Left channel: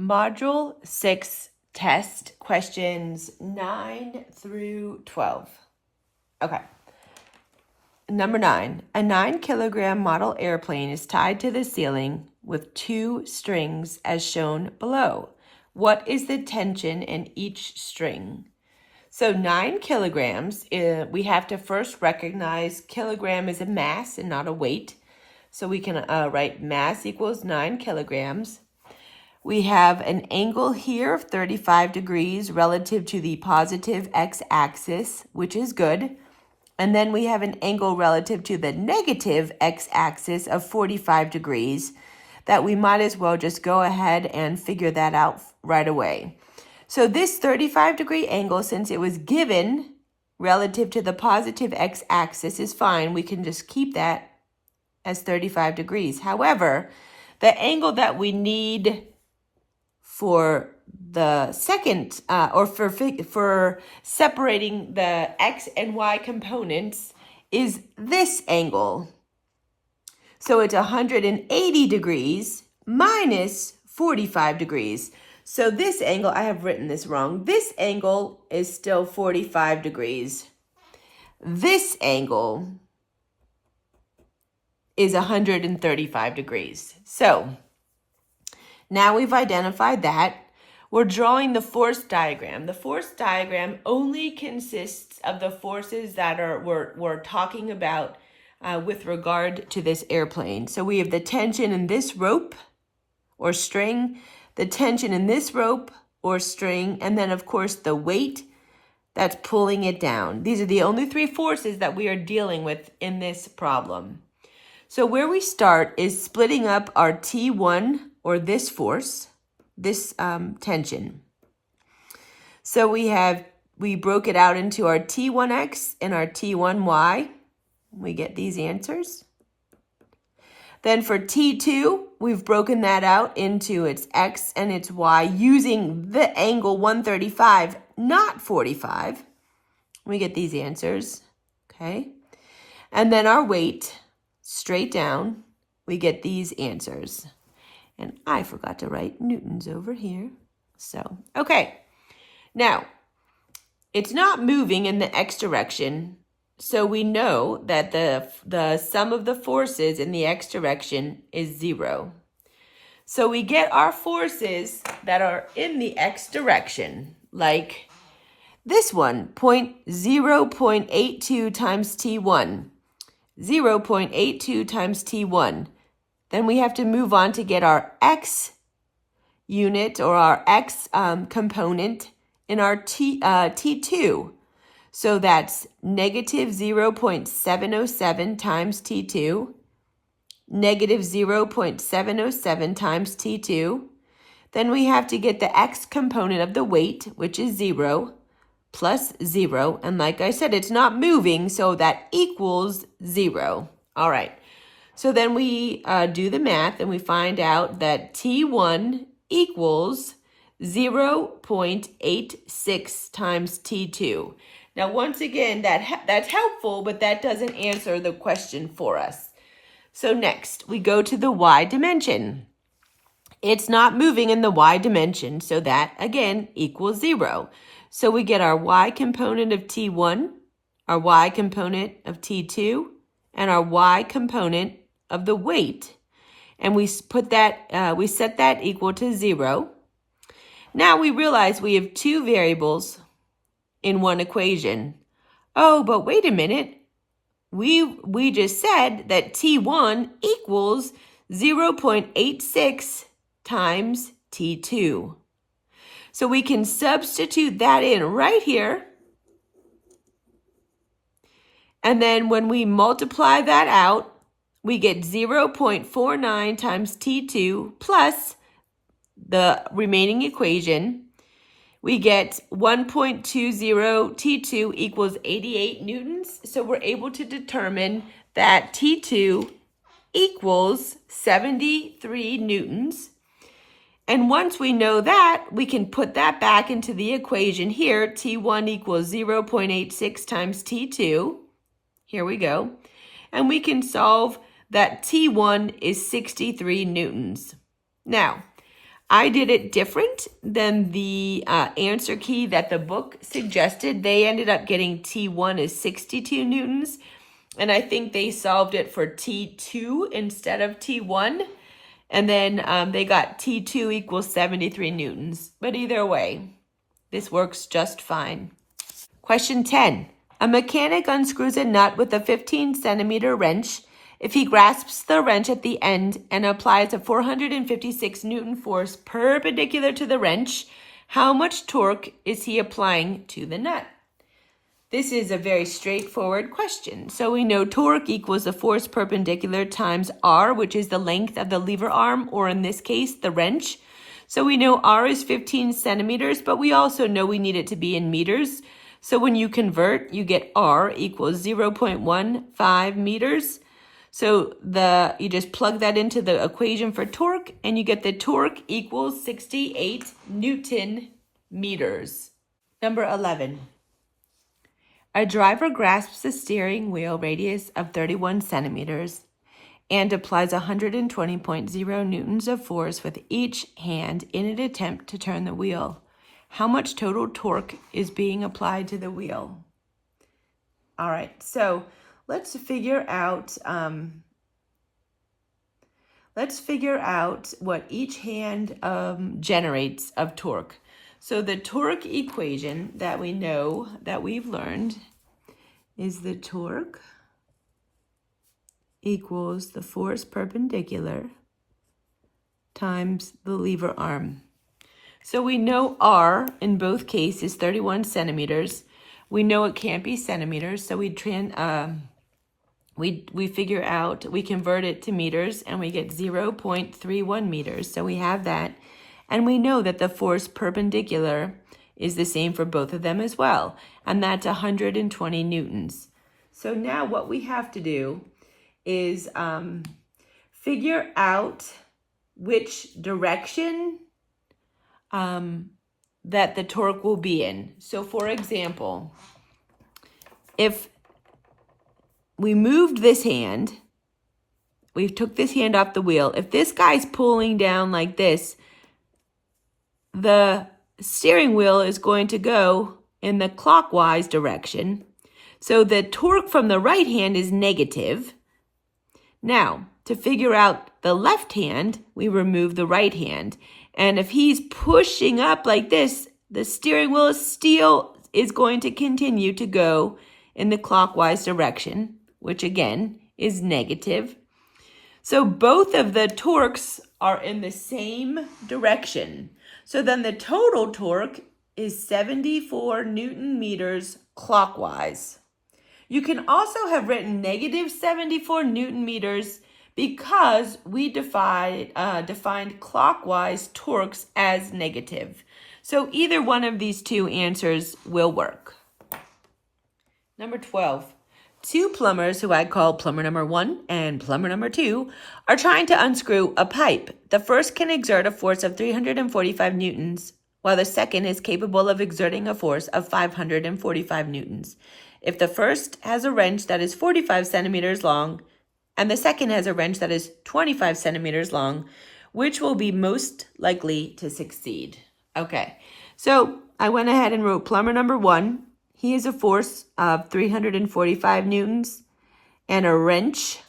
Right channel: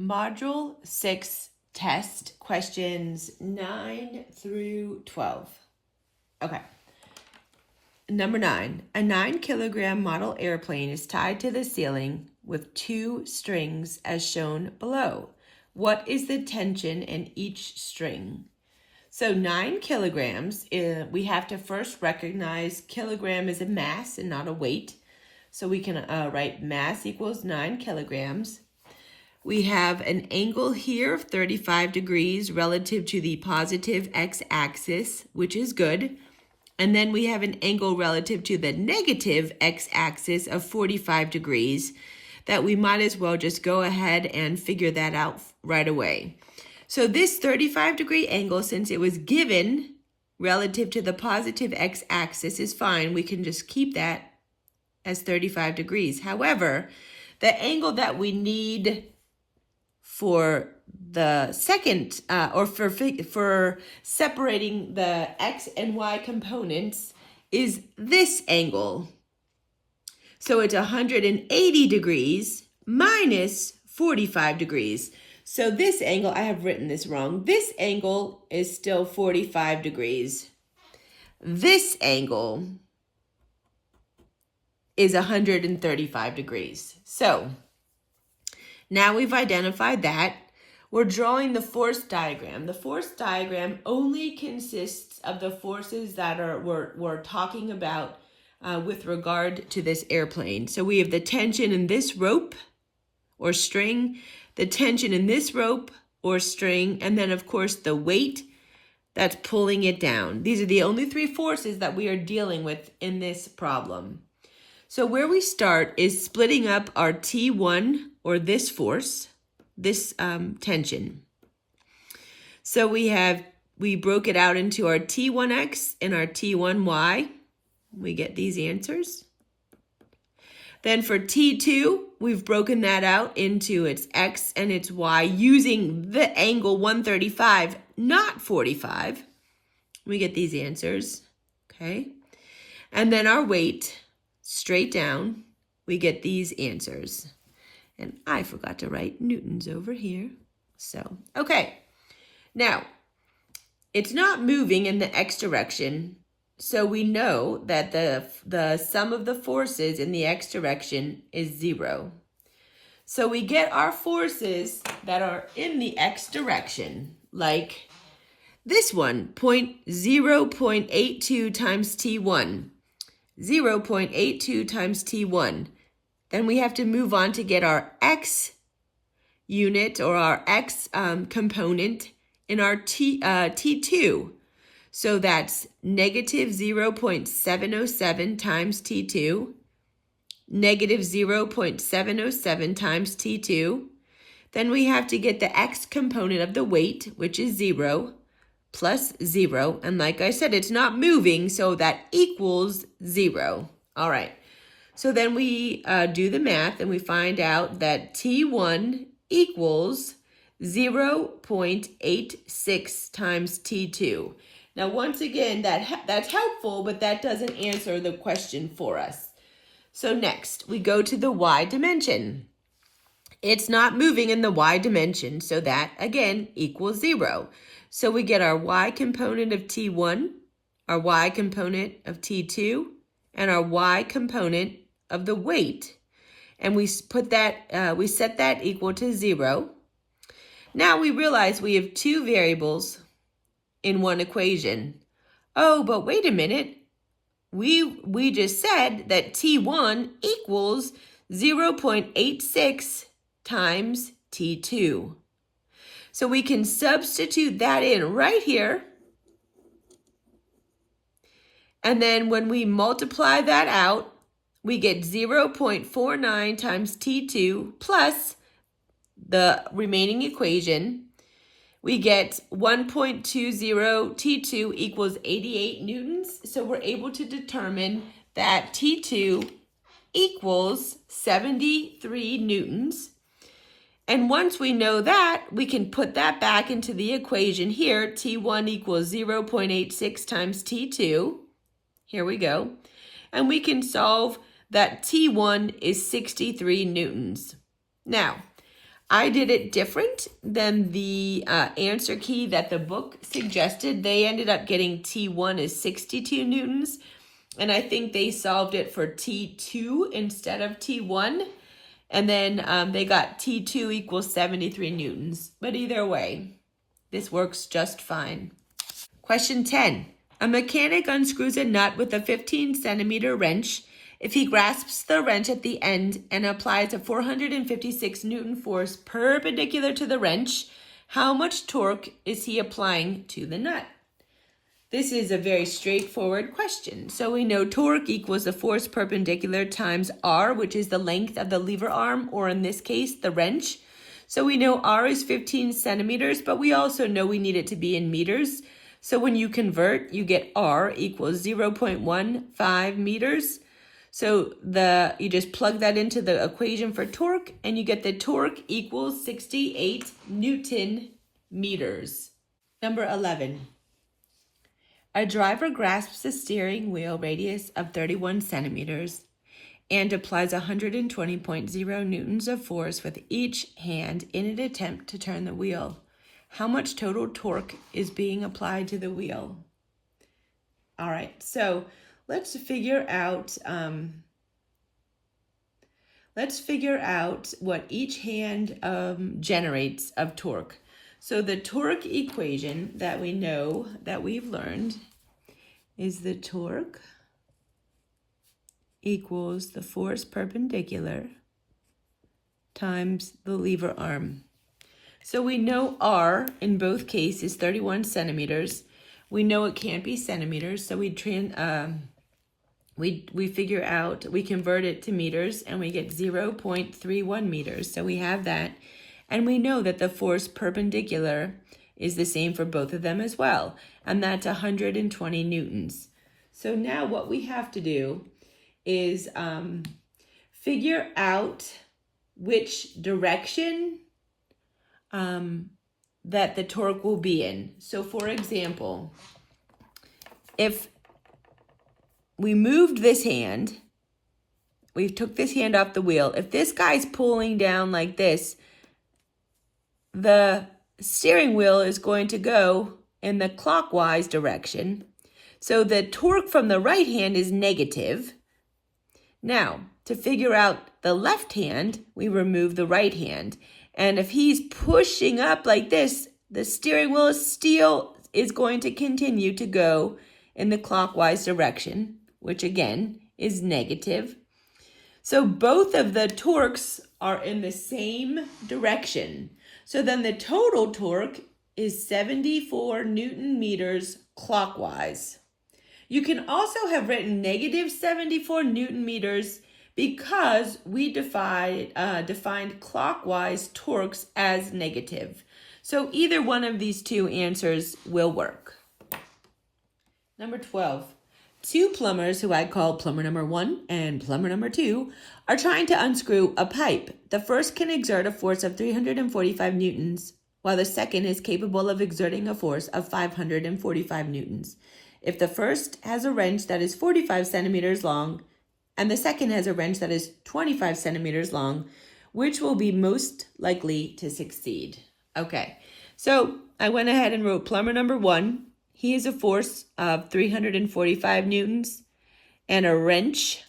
Module 6 test questions 9 through 12. Okay. Number 9. A 9-kilogram model airplane is tied to the ceiling with 2 strings as shown below. What is the tension in each string? So 9 kilograms, we have to first recognize kilogram is a mass and not a weight. So we can write mass equals 9 kilograms. We have an angle here of 35 degrees relative to the positive x-axis, which is good. And then we have an angle relative to the negative x-axis of 45 degrees that we might as well just go ahead and figure that out right away. So this 35-degree angle, since it was given relative to the positive x-axis, is fine. We can just keep that as 35 degrees. However, the angle that we need for the second, or for separating the x and y components is this angle. So it's 180 degrees minus 45 degrees. So this angle, I have written this wrong. This angle is still 45 degrees. This angle is 135 degrees. So now we've identified that. We're drawing the force diagram. The force diagram only consists of the forces that we're talking about with regard to this airplane. So we have the tension in this rope or string, the tension in this rope or string, and then of course the weight that's pulling it down. These are the only 3 forces that we are dealing with in this problem. So where we start is splitting up our T1, or this force, this tension. So we broke it out into our T1x and our T1y. We get these answers. Then for T2, we've broken that out into its x and its y using the angle 135, not 45. We get these answers, okay? And then our weight, straight down, we get these answers. And I forgot to write newtons over here. So, okay. Now, it's not moving in the x direction, so we know that the sum of the forces in the x direction is 0. So we get our forces that are in the x direction, like this one, 0.82 times T1, 0.82 times T1. Then we have to move on to get our x unit or our x component in our T2. So that's negative 0.707 times T2, negative 0.707 times T2. Then we have to get the x component of the weight, which is 0, plus 0. And like I said, it's not moving, so that equals 0. All right. So then we do the math and we find out that T1 equals 0.86 times T2. Now, once again, that's helpful, but that doesn't answer the question for us. So next, we go to the y dimension. It's not moving in the y dimension, so that, again, equals 0. So we get our y component of T1, our y component of T2, and our y component of the weight, and we put that we set that equal to 0. Now we realize we have 2 variables in one equation. Oh, but wait a minute. We just said that T1 equals 0.86 times T2. So we can substitute that in right here. And then when we multiply that out, we get 0.49 times T2 plus the remaining equation. We get 1.20 T2 equals 88 newtons. So we're able to determine that T2 equals 73 newtons. And once we know that, we can put that back into the equation here. T1 equals 0.86 times T2. Here we go. And we can solve that T1 is 63 newtons. Now, I did it different than the answer key that the book suggested. They ended up getting T1 is 62 newtons, and I think they solved it for T2 instead of T1. And then they got T2 equals 73 newtons. But either way, this works just fine. Question 10. A mechanic unscrews a nut with a 15-centimeter wrench. If he grasps the wrench at the end and applies a 456 Newton force perpendicular to the wrench, how much torque is he applying to the nut? This is a very straightforward question. So we know torque equals the force perpendicular times R, which is the length of the lever arm, or in this case, the wrench. So we know R is 15 centimeters, but we also know we need it to be in meters. So when you convert, you get R equals 0.15 meters. So you just plug that into the equation for torque, and you get the torque equals 68 Newton meters. Number 11. A driver grasps a steering wheel radius of 31 centimeters and applies 120.0 newtons of force with each hand in an attempt to turn the wheel. How much total torque is being applied to the wheel? All right, so let's figure out what each hand generates of torque. So the torque equation that we know that we've learned is the torque equals the force perpendicular times the lever arm. So we know R in both cases is 31 centimeters. We know it can't be centimeters, so we figure out, we convert it to meters, and we get 0.31 meters. So we have that. And we know that the force perpendicular is the same for both of them as well. And that's 120 newtons. So now what we have to do is figure out which direction that the torque will be in. So for example, if we moved this hand, we took this hand off the wheel. If this guy's pulling down like this, the steering wheel is going to go in the clockwise direction. So the torque from the right hand is negative. Now, to figure out the left hand, we remove the right hand. And if he's pushing up like this, the steering wheel still is going to continue to go in the clockwise direction, which again is negative. So both of the torques are in the same direction. So then the total torque is 74 Newton meters clockwise. You can also have written negative 74 Newton meters because we defined clockwise torques as negative. So either one of these two answers will work. Number 12. Two plumbers, who I call plumber number 1 and plumber number 2, are trying to unscrew a pipe. The first can exert a force of 345 newtons, while the second is capable of exerting a force of 545 newtons. If the first has a wrench that is 45 centimeters long, and the second has a wrench that is 25 centimeters long, which will be most likely to succeed? Okay, so I went ahead and wrote plumber number 1. He has a force of 345 newtons and a wrench,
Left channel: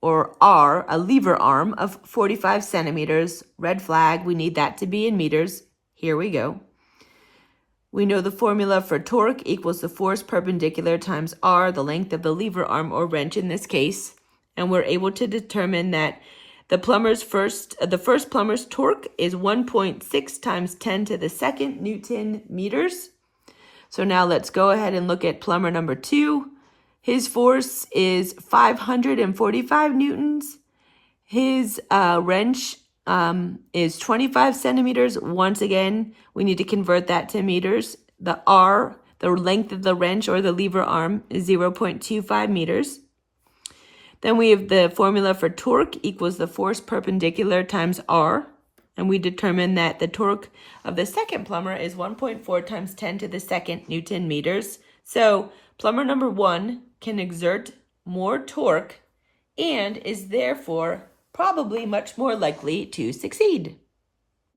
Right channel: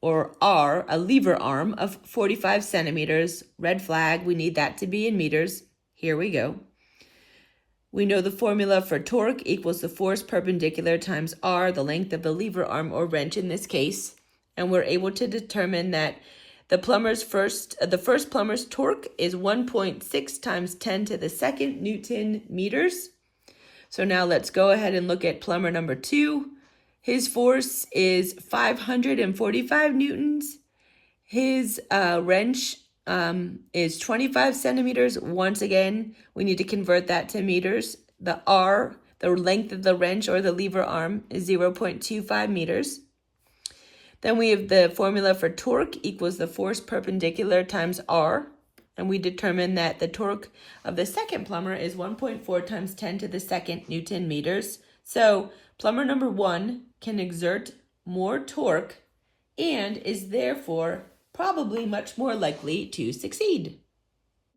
or R, a lever arm of 45 centimeters. Red flag, we need that to be in meters. Here we go. We know the formula for torque equals the force perpendicular times R, the length of the lever arm or wrench in this case. And we're able to determine that the first plumber's torque is 1.6 times 10 to the second Newton meters. So now let's go ahead and look at plumber number 2. His force is 545 newtons. His wrench is 25 centimeters. Once again, we need to convert that to meters. The R, the length of the wrench or the lever arm, is 0.25 meters. Then we have the formula for torque equals the force perpendicular times R. And we determine that the torque of the second plumber is 1.4 times 10 to the second Newton meters. So plumber number 1 can exert more torque and is therefore probably much more likely to succeed.